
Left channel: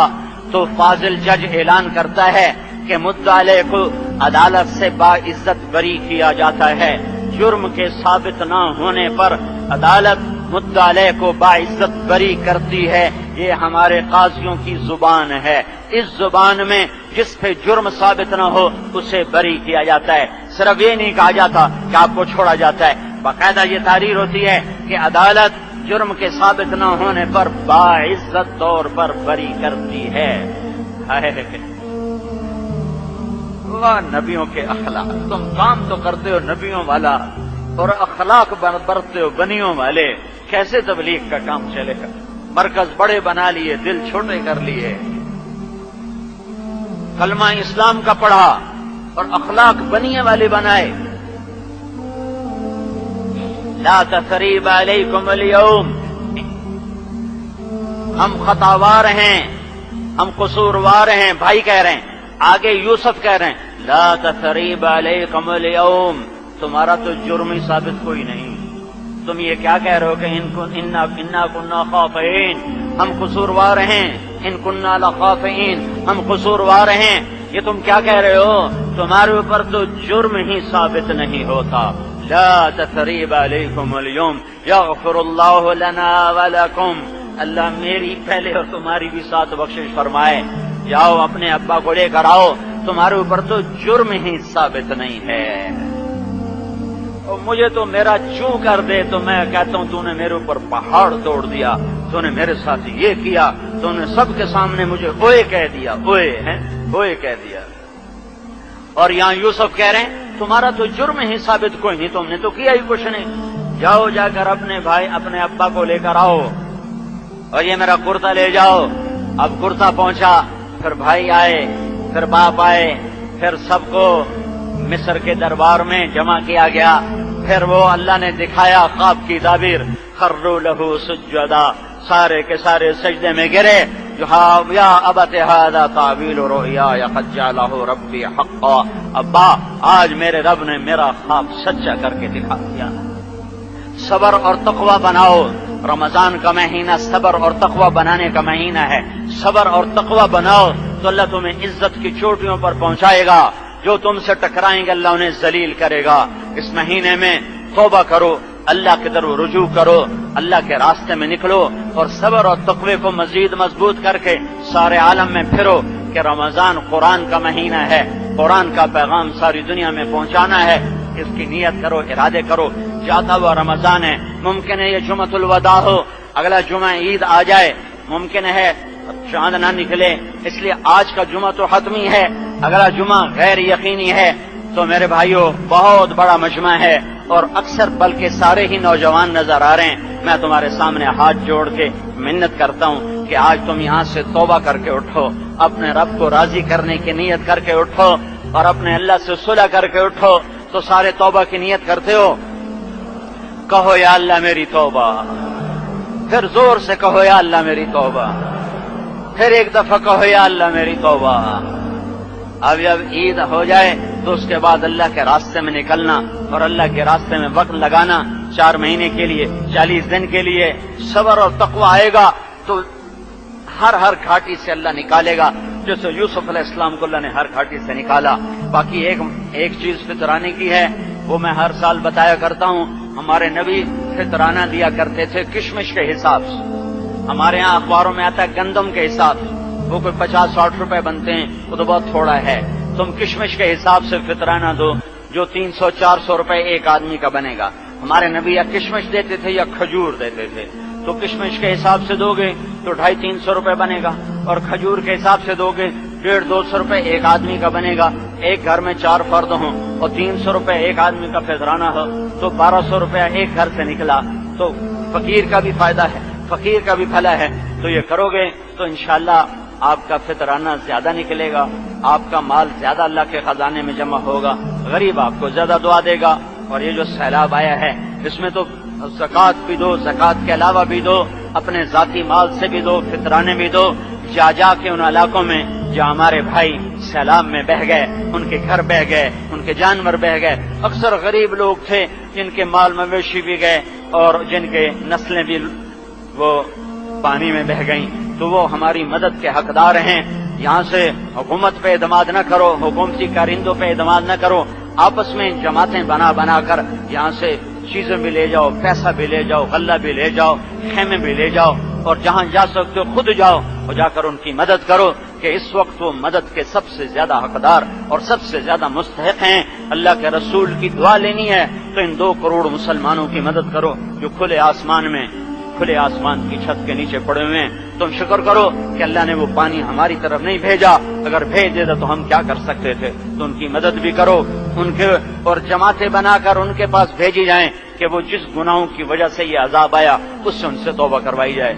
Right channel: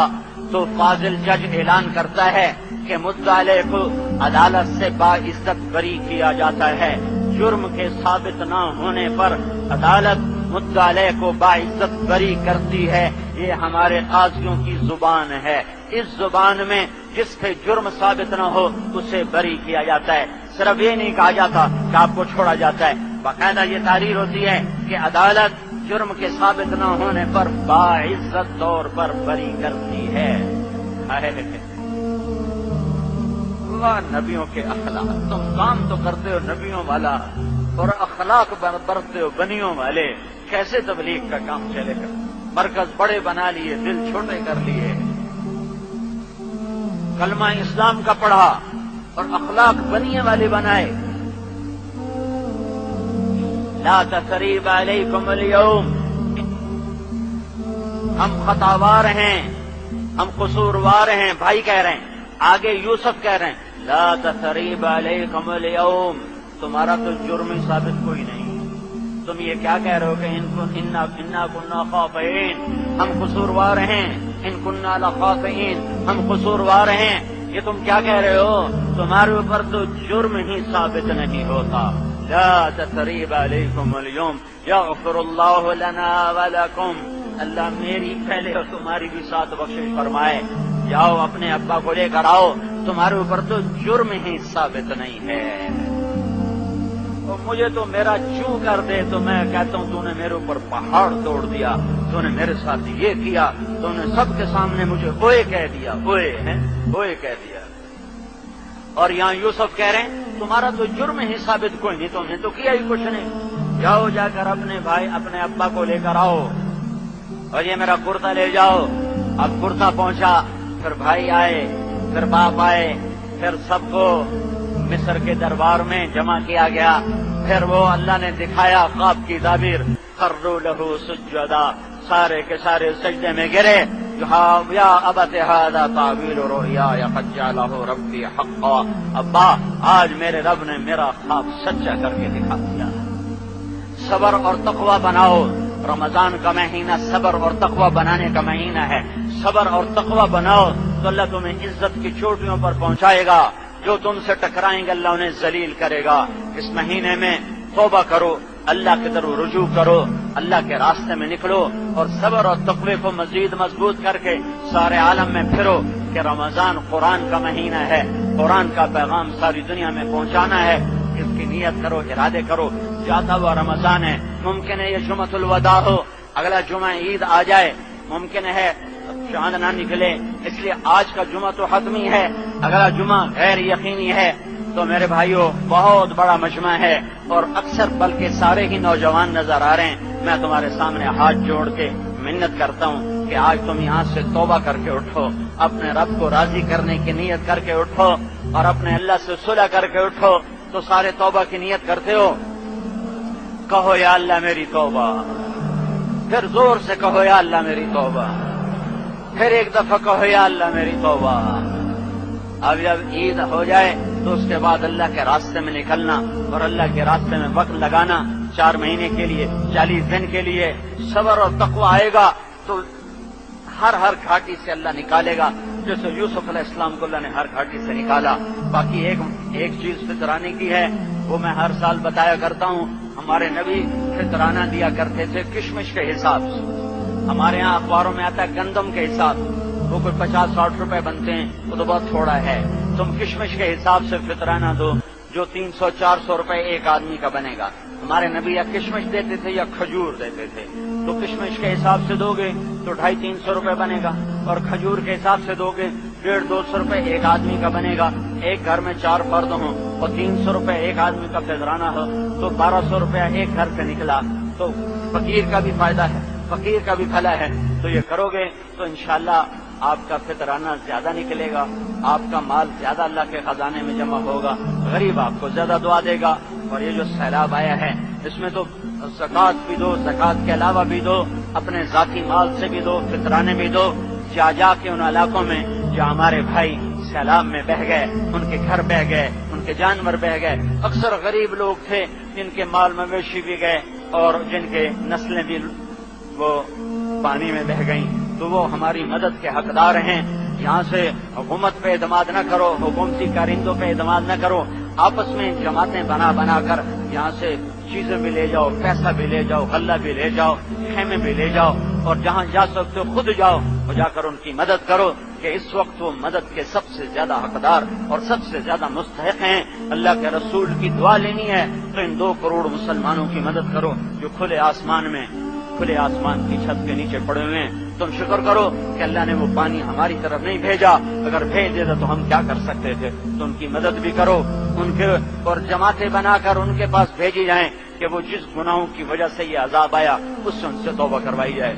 تو فاضل جج اعلان کرتا ہے کہ مدعا علیہ کو عدالت سے باعزت بری کیا جاتا ہے۔ جرم کے ثابت نہ ہونے پر عدالت مدعا علیہ کو باعزت بری کرتی ہے، یہ ہمارے قاضیوں کی زبان ہے۔ اس زبان میں جس پہ جرم ثابت نہ ہو اسے بری کیا جاتا ہے، صرف یہ نہیں کہا جاتا کہ آپ کو چھوڑا جاتا ہے، باقاعدہ یہ تحریر ہوتی ہے کہ عدالت جرم کے ثابت نہ ہونے پر باعزت طور پر بری کرتی ہے۔ اللہ نبیوں کے اخلاق، تم کام تو کرتے ہو نبیوں والا اور اخلاق برتتے ہو بنیوں والے، کیسے تبلیغ کا کام چلے گا؟ مرکز بڑے بنا لیے، دل چھوٹے کر لیے، کلمہ اسلام کا پڑھا اور اخلاق بنیے والے بنائے۔ لا تثریب علیکم اليوم، ہم خطاوار ہیں، ہم قصوروار ہیں، بھائی کہہ رہے ہیں، آگے یوسف کہہ رہے ہیں لا تثریب علیکم اليوم، تمہارا تو جرم ہی ثابت کوئی نہیں، تم یہ کیا کہہ رہے ہو کہ انا کنا خاطئین، ہم قصوروار ہیں، ان کنا لخاطئین، ہم قصوروار ہیں، یہ تم کیا کہہ رہے ہو؟ تمہارے اوپر تو جرم ہی ثابت نہیں ہوتا۔ لا تثریب علیکم اليوم یغفر اللہ لنا ولکم، اللہ میری پہلے اور تمہاری بھی ساتھ بخشش فرمائے، جاؤ اپنے ابا کو لے کر آؤ، تمہارے اوپر تو جرم ہی ثابت نہیں ہے۔ اور مجھے تو میرا چوں کر دے تو میں کہتا ہوں تو نے میرے اوپر پہاڑ توڑ دیا، تو نے میرے ساتھ یہ کیا، تو نے سب کے سامنے مجھے اوئے کہہ دیا، اوئے کہہ دیا۔ اور یہاں یوسف کہہ رہے ہیں تمہارا تو جرم ہی ثابت کوئی نہیں، تم نے تو کیا ہی کچھ نہیں، جاؤ جا کر اپنے بھائی اپنے ابا کو لے کر آؤ، اور یہ میرا کرتا لے جاؤ۔ اب کرتا پہنچا، پھر بھائی آئے، پھر باپ آئے، پھر سب کو مصر کے دربار میں جمع کیا گیا، پھر وہ اللہ نے دکھایا خواب کی تعبیر، خروا لہ سجدا، سارے کے سارے سجدے میں گرے، یا ابت ھذا تعویل رؤیایا قد جعلہ ربی حقا، ابا آج میرے رب نے میرا خواب سچا کر کے دکھا دیا۔ صبر اور تقوی بناؤ، رمضان کا مہینہ صبر اور تقوی بنانے کا مہینہ ہے، صبر اور تقوی بناؤ تو اللہ تمہیں عزت کی چوٹیوں پر پہنچائے گا، جو تم سے ٹکرائیں گے اللہ انہیں ذلیل کرے گا۔ اس مہینے میں توبہ کرو، اللہ کی طرف رجوع کرو، اللہ کے راستے میں نکلو، اور صبر اور تقوی کو مزید مضبوط کر کے سارے عالم میں پھرو کہ رمضان قرآن کا مہینہ ہے، قرآن کا پیغام ساری دنیا میں پہنچانا ہے، اس کی نیت کرو، ارادے کرو۔ جاتا ہوا رمضان ہے، ممکن ہے یہ جمعۃ الوداع ہو، اگلا جمعہ عید آ جائے، ممکن ہے چاند نہ نکلے، اس لیے آج کا جمعہ تو حتمی ہے، اگلا جمعہ غیر یقینی ہے۔ تو میرے بھائیوں بہت بڑا مجمع ہے اور اکثر بلکہ سارے ہی نوجوان نظر آ رہے ہیں، میں تمہارے سامنے ہاتھ جوڑ کے منت کرتا ہوں کہ آج تم یہاں سے توبہ کر کے اٹھو، اپنے رب کو راضی کرنے کی نیت کر کے اٹھو، اور اپنے اللہ سے صلح کر کے اٹھو۔ تو سارے توبہ کی نیت کرتے ہو، کہو یا اللہ میری توبہ، پھر زور سے کہو یا اللہ میری توبہ، پھر ایک دفعہ کہو یا اللہ میری توبہ۔ اب جب عید ہو جائے تو اس کے بعد اللہ کے راستے میں نکلنا اور اللہ کے راستے میں وقت لگانا 4 مہینے کے لیے 40 دن کے لیے صبر اور تقوی آئے گا تو ہر گھاٹی سے اللہ نکالے گا، جیسے یوسف علیہ السلام کو اللہ نے ہر گھاٹی سے نکالا۔ باقی ایک چیز فطرانے کی ہے، وہ میں ہر سال بتایا کرتا ہوں، ہمارے نبی فطرانہ دیا کرتے تھے کشمش کے حساب سے۔ ہمارے ہاں اخباروں میں آتا ہے گندم کے حساب سے، وہ کوئی 50-60 روپے بنتے ہیں، وہ تو بہت تھوڑا ہے۔ تم کشمش کے حساب سے فطرانہ دو جو 300-400 روپے ایک آدمی کا بنے گا۔ ہمارے نبی یا کشمش دیتے تھے یا کھجور دیتے تھے، تو کشمش کے حساب سے دو گے تو 250-300 روپے بنے گا، اور کھجور کے حساب سے دو گے 150-200 روپے ایک آدمی کا بنے گا۔ ایک گھر میں 4 فرد ہوں اور 300 روپے ایک آدمی کا فطرانہ ہو تو 1200 روپے ایک گھر سے نکلا، تو فقیر کا بھی فائدہ ہے، فقیر کا بھی بھلا ہے۔ تو یہ کرو گے تو انشاءاللہ آپ کا فطرانہ زیادہ نکلے گا، آپ کا مال زیادہ اللہ کے خزانے میں جمع ہوگا، غریب آپ کو زیادہ دعا دے گا۔ اور یہ جو سیلاب آیا ہے اس میں تو زکوٰۃ بھی دو، زکوٰۃ کے علاوہ بھی دو، اپنے ذاتی مال سے بھی دو، فطرانے بھی دو۔ جا کے ان علاقوں میں جہاں ہمارے بھائی سیلاب میں بہہ گئے، ان کے گھر بہہ گئے، ان کے جانور بہہ گئے، اکثر غریب لوگ تھے جن کے مال مویشی بھی گئے اور جن کے نسلیں بھی وہ پانی میں بہہ گئیں، تو وہ ہماری مدد کے حقدار ہیں۔ یہاں سے حکومت پہ اعتماد نہ کرو، حکومتی کارندوں پہ اعتماد نہ کرو، آپس میں جماعتیں بنا کر یہاں سے چیزیں بھی لے جاؤ، پیسہ بھی لے جاؤ، غلہ بھی لے جاؤ، خیمے بھی لے جاؤ، اور جہاں جا سکتے ہو خود جاؤ اور جا کر ان کی مدد کرو، کہ اس وقت وہ مدد کے سب سے زیادہ حقدار اور سب سے زیادہ مستحق ہیں۔ اللہ کے رسول کی دعا لینی ہے تو ان 2 کروڑ مسلمانوں کی مدد کرو جو کھلے آسمان کی چھت کے نیچے پڑے ہوئے ہیں۔ تم شکر کرو کہ اللہ نے وہ پانی ہماری طرف نہیں بھیجا، اگر بھیج دیتا تو ہم کیا کر سکتے تھے۔ تو ان کی مدد بھی کرو، ان کے اور جماعتیں بنا کر ان کے پاس بھیجی جائیں کہ وہ جس گناہوں کی وجہ سے یہ عذاب آیا اس سے ان سے توبہ کروائی جائے۔